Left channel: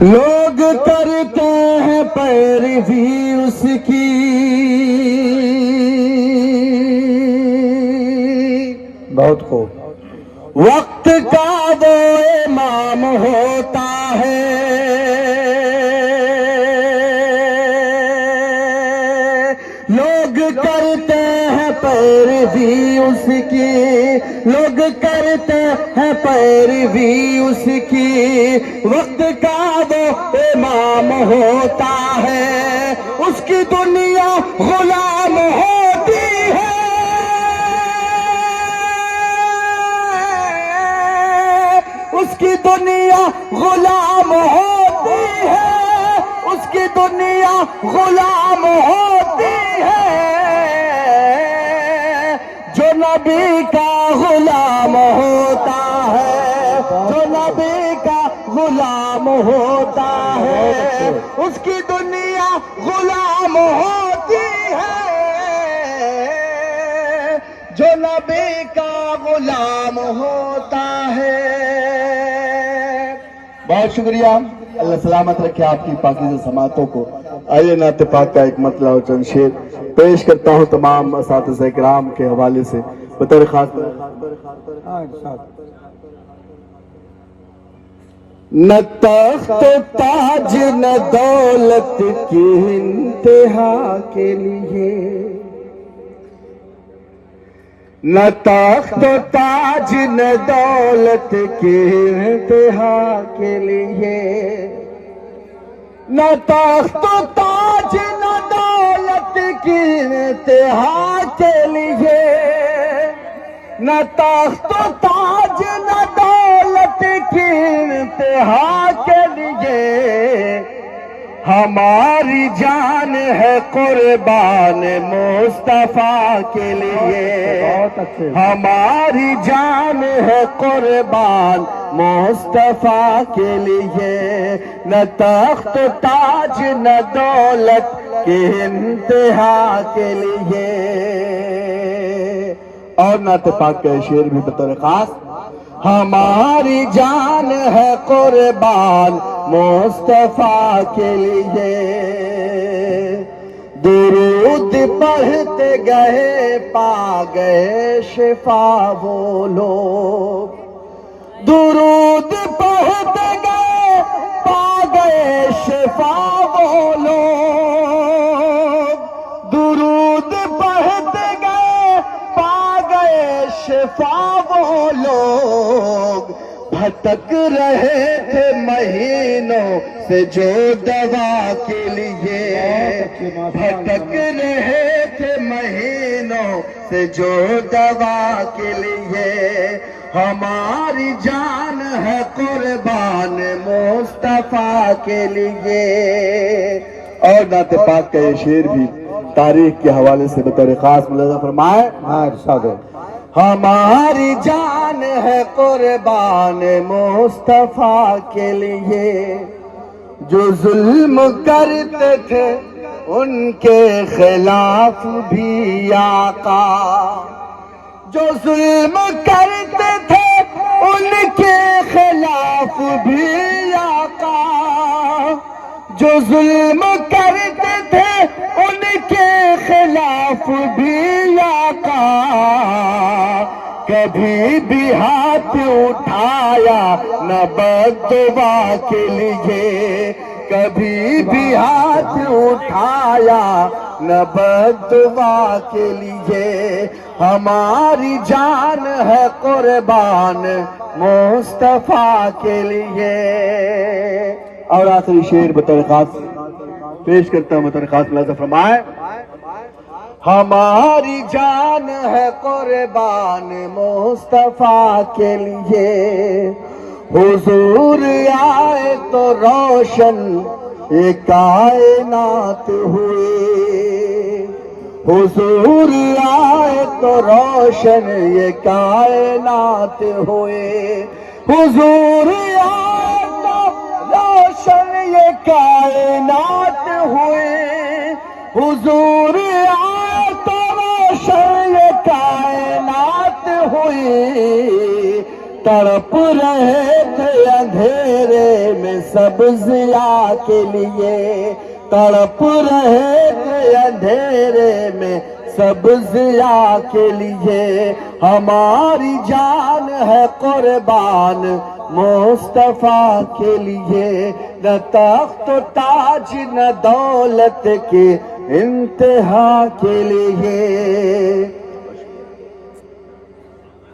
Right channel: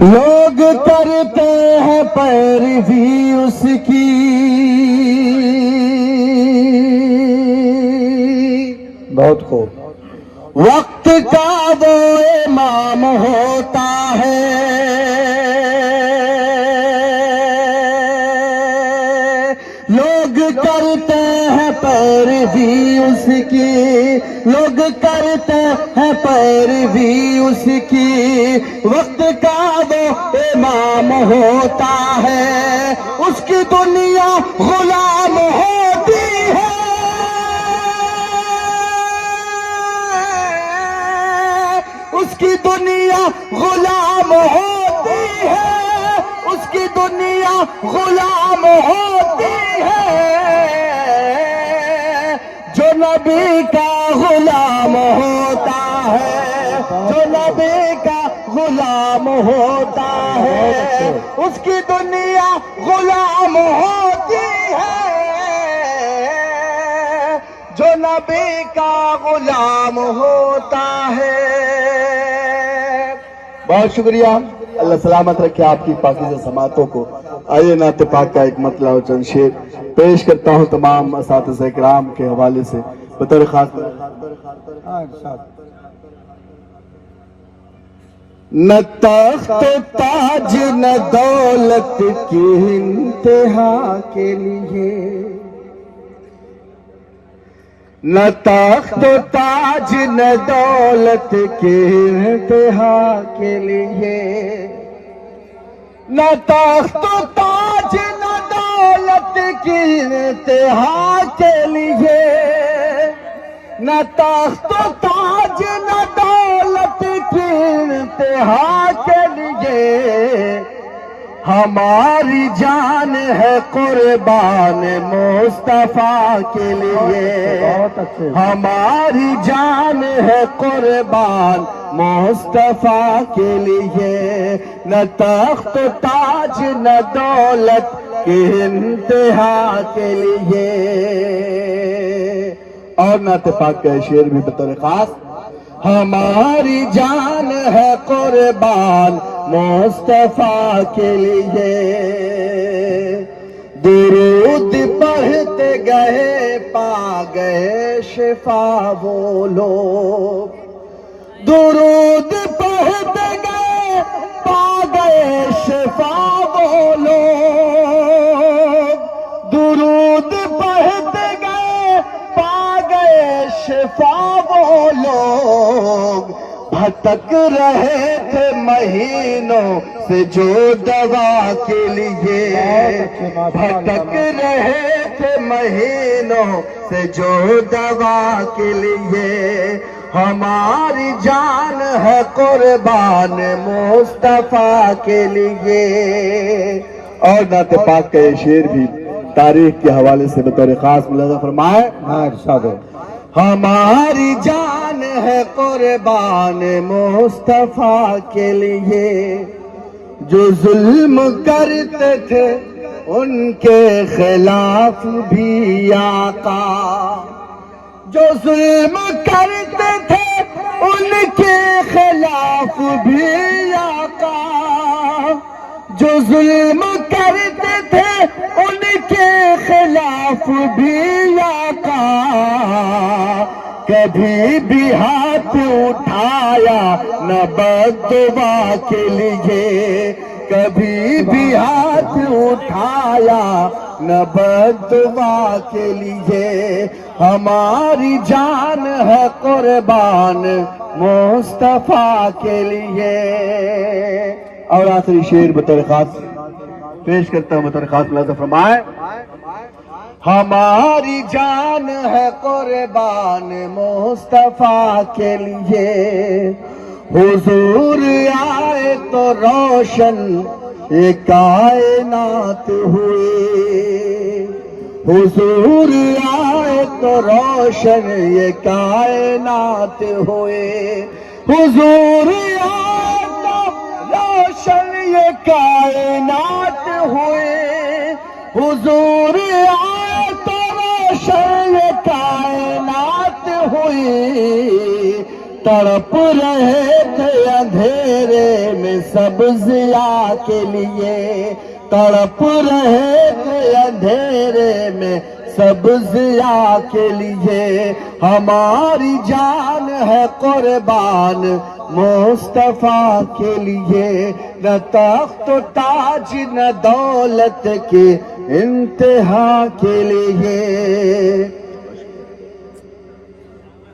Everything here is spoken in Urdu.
لوگ کرتے ہیں پیروی اس کی، بہت خوب، وقت کا وہ امام ہوتا ہے، لوگ کرتے ہیں پیروی اس کی، لوگ کرتے ہیں پیروی اس کی، وقت کا وہ امام ہوتا ہے، اس کی دنیا غلام ہوتی ہے، اس کی دنیا غلام ہوتی ہے، اس کی دنیا غلام ہوتی ہے، جو نبی کا غلام ہوتا ہے، جو نبی کا غلام ہوتا ہے، اس کی دنیا غلام ہوتی ہے، جو نبی کا غلام ہوتا ہے۔ بہت شکریہ، اللہ سلامت رکھے آپ کی پاکیزہ سماعتوں کو۔ آئیے نعت پاک کا ایک مطلع و چند شعر پیش کرتا ہوں تمام اساتذہ کرام کے حوالے سے بطور خاص۔ نہ تخت تاج نہ دولت کی انتہا کے لیے، نہ تخت تاج نہ دولت کے انتہا کے لیے، نہ تخت تاج نہ دولت کی انتہا کے لیے، نہ تخت تاج نہ دولت کی انتہا کے لیے، ہماری جان ہے قربان مصطفیٰ کے لیے، ہماری جان ہے قربان مصطفیٰ کے لیے، نہ تخت تاج نہ دولت کی انتہا کے لیے۔ اور نعت پاک کا شعر بھی بطور خاص۔ ہماری جان ہے قربان مصطفیٰ کے لیے، درود پڑھتے گئے پا گئے شفا وہ لوگ، درود پڑھتے گئے پا گئے شفا وہ لوگ، درود پڑھتے گئے پا گئے شفا وہ لوگ، بھٹک رہے تھے مہینوں سے جو دوا کے لیے، بھٹک رہے تھے مہینوں سے جو دوا کے لیے، ہماری جان ہے قربان مصطفیٰ کے لیے۔ اور نعت پاک کا یہ شعر بھی تاریخ کے حوالے سے بطور خاص ملاحظہ فرمائے۔ ارشاد ہے، ہماری جان ہے قربان مصطفیٰ کے لیے، جو ظلم کرتے تھے ان کے خلاف بھی آقا، جو ظلم کرتے تھے ان کے خلاف بھی آقا، جو ظلم کرتے تھے ان کے خلاف بھی آقا، کبھی بھی ہاتھ اٹھایا نہ بددعا کے لیے، کبھی بھی ہاتھ اٹھایا نہ بددعا کے لیے، ہماری جان ہے قربان مصطفیٰ کے لیے۔ اور آخری شعر بطور خاص پیش کرتا ہوں، بطور خاص ملاحظہ فرمائے۔ ہماری جان ہے قربان مصطفیٰ کے لیے، حضور آئے تو روشن یہ کائنات ہوئی، حضور آئے تو روشن یہ کائنات ہوئے، حضور آئے تو روشن یہ کائنات ہوئے، حضور آئے تو روشن یہ کائنات ہوئی، تڑپ رہے تھے اندھیرے میں سب ضیاء کے لیے، تڑپ رہے تھے اندھیرے میں سب ضیاء کے لیے، ہماری جان ہے قربان مصطفیٰ کے لیے، نہ تخت و تاج نہ دولت کے انتہا کے لیے۔